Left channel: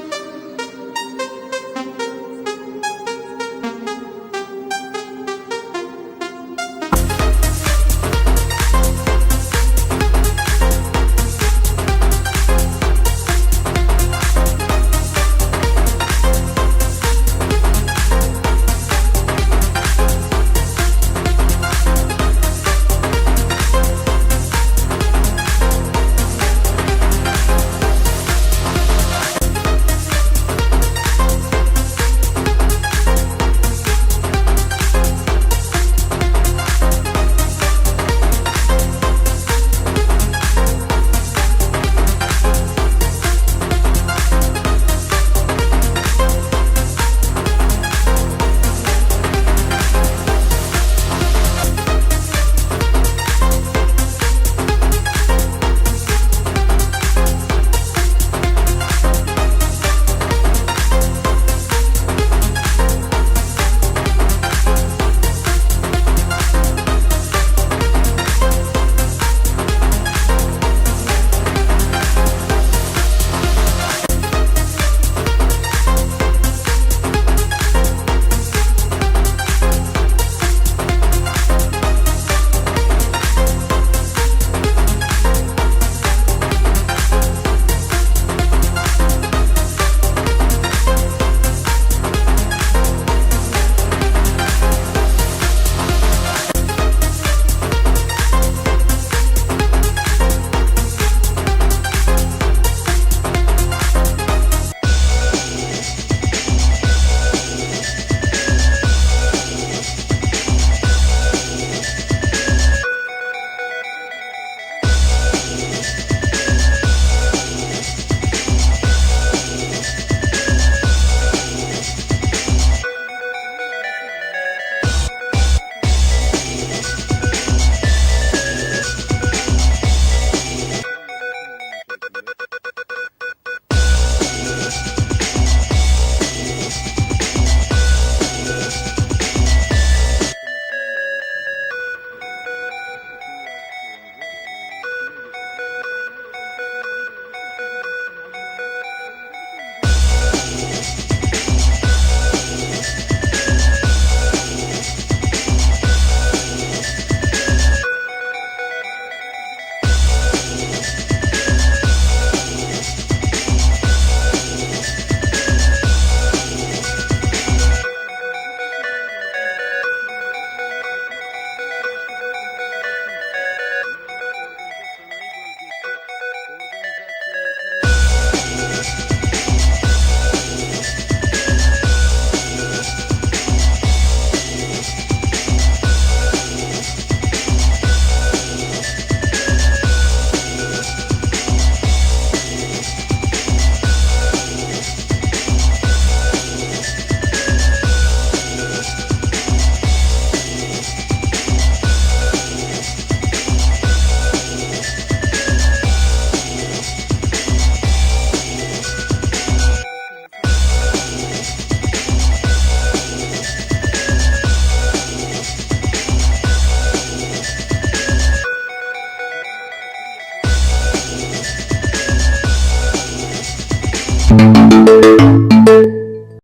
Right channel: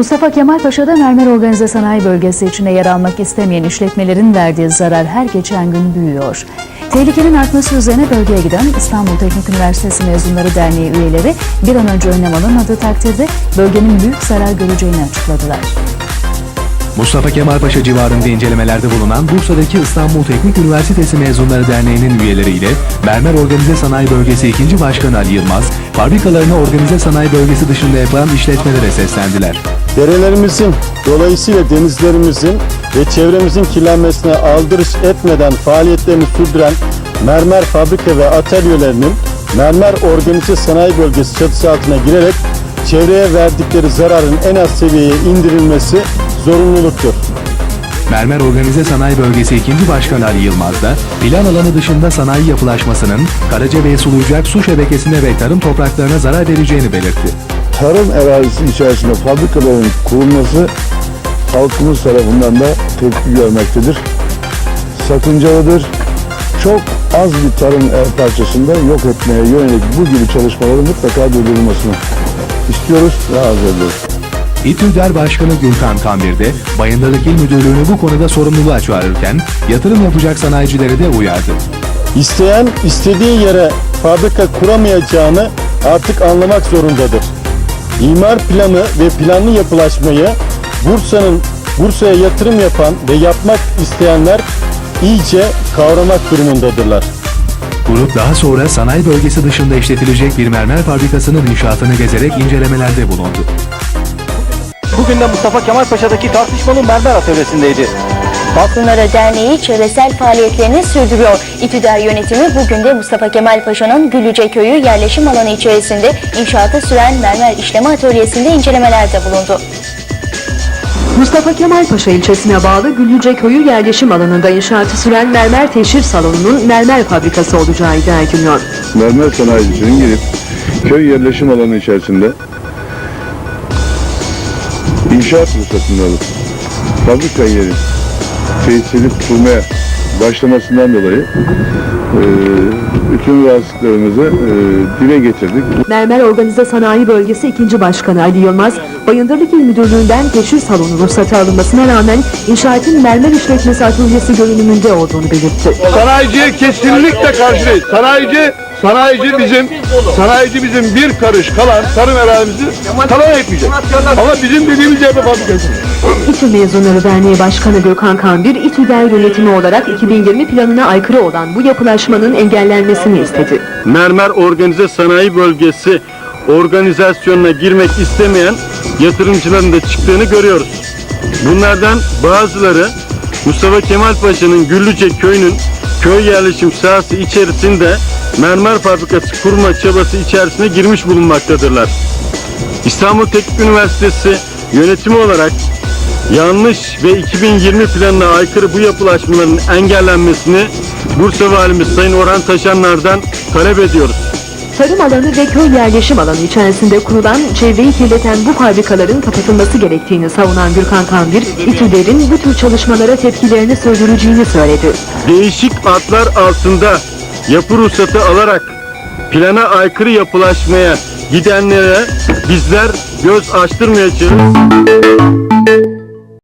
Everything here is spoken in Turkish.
Mustafa Kemal Paşa'da mermer organize sanayi bölgesi içinde yer almak istemeyen işletmelerin verdiği zarar her geçen gün büyüyor. Tehlikenin artması üzerine bölgeye giden İstanbul Teknik Üniversitesi Mezunları Derneği üyeleri bir an önce önlem alınmadığı takdirde bölgenin büyük zarar göreceğini açıkladılar. Mustafa Kemal Paşa civarında incelemelerde bulunan Bursa'daki İstanbul Teknik Üniversitesi Mezunları Derneği'nin üyeleriyle Mermer Organize Sanayi Bölgesi 2. Başkanı Ali Yılmaz, fabrikalarını organize sanayi bölgesi dışında yapılan işletmelere seslendiler. Derelerimizin, dolayısıyla denizlerimizin ve çevremizin kirlenmesine aldırış etmeden faaliyetlerini sürdüren mermer fabrika ve atölyelerinin mermer organize sanayi bölgesi çatısı altına girerek çevreye verdikleri zararın en az seviyeye indirilmesi zorunluluktur. Mermer Organize Sanayi Bölgesi 2. Başkanı Ali Yılmaz da plan alanı dışında sanayi yapılaşmasının Karacabey sulayacak su şebekesine ve tarım topraklarına zarar vereceğini belirtti. tarım arazisi içerisinde fabrikaların kurulması halkımız tarafından da tepki görmektedir. Sakıncalıdır. Çok az bir tarım el parçasında yok etmeye yönelik bu gibi çalışmaların mutlaka durdurulmasını istiyoruz ve arz ediyoruz. İTÜDER Başkanı Gülkan Kamir de Bayındırlık İl Müdürlüğü'nü bu konuda sorumluluğa çağırırken yatırım yapacak sanayicileri de uyardı. İsteyen istediği yere fabrika kuramayacağını artık anlamak zorundadır. İmar planı ve planlı yapılaşmayı Bursa'nın Bursa'ya yatırım yapan ve yapmak isteyenler iyice kavramak durumundadırlar. Grup daha sonra sanayi bölgesi dışında işletilecek bir mermer fabrikasının inşaatını gezerek incelemelerde bulundu. Bugün de Mustafa Kemal Paşa'daki tartışmalı mermer atölyesindeydi. Balkınlara Derneği çevresel faaliyetlerini sürdürüyor. İktidar yönetimi bugün de Mustafa Kemal Paşa'nın Güllüce Köyü yerleşim alanı içerisinde inşaatı süren mermer işleme atölyesinde incelemelerde bulundu. Mustafa Kemal Paşa ilçesine bağlı Güllüce Köyü yerleşim alanında inşaatı süren mermer teşhir salonunun mermer fabrikası olacağı iddia ediliyor. Mermer sanayicisinin girip köy yerleşim alanı içerisinde inşaat ruhsatını alıp fabrika yeri tesisini kurmaya başlamasından dolayı eee, bütün rahatsızlıklarımızı eee, dile getirdik. Mermer Organize Sanayi Bölgesi 2. Başkanı Ali Yılmaz, Bayındırlık İl Müdürlüğü'nden teşhir salonu ruhsatı alınmasına rağmen inşaatın mermer işletmesi atölyesi görünümünde olduğunu belirtti. Sanayiciye kesinlikle karşıyız. Sanayici, sanayici bizim, sanayici bizim bir karış kalan tarım arazisi talan etmeyecek. Ama bizim dediğimiz yerde fabrikası. İTÜ Mezunları Derneği Başkanı Gökhan Kambir, İTÜ'der yönetimi olarak 2020 planına aykırı olan bu yapılaşmanın engellenmesini istedi. Mermer Organize Sanayi Bölgesi organizasyonuna girmek istemeyen yatırımcıların da çıktığını görüyoruz. Bunlardan bazıları Mustafa Kemal Paşa'nın Güllüce köyünün köy yerleşim sahası içerisinde mermer fabrikası kurma çabası içerisine girmiş bulunmaktadırlar. İstanbul Teknik Üniversitesi yönetimi olarak yanlış ve 2020 planına aykırı bu yapılaşmaların engellenmesini Bursa Valimiz Sayın Orhan Taşanlar'dan talep ediyoruz. Tarım alanı ve köy yerleşim alanı içerisinde kurulan çevreyi kirleten bu fabrikaların kapatılması gerektiğini savunan Gürkan Kambir, İTÜ'lerin bu tür çalışmalara tepkilerini sürdüreceğini söyledi. Değişik adlar altında yapı ruhsatı alarak plana aykırı yapılaşmaya gidenlere bizler göz açtırmayacağız.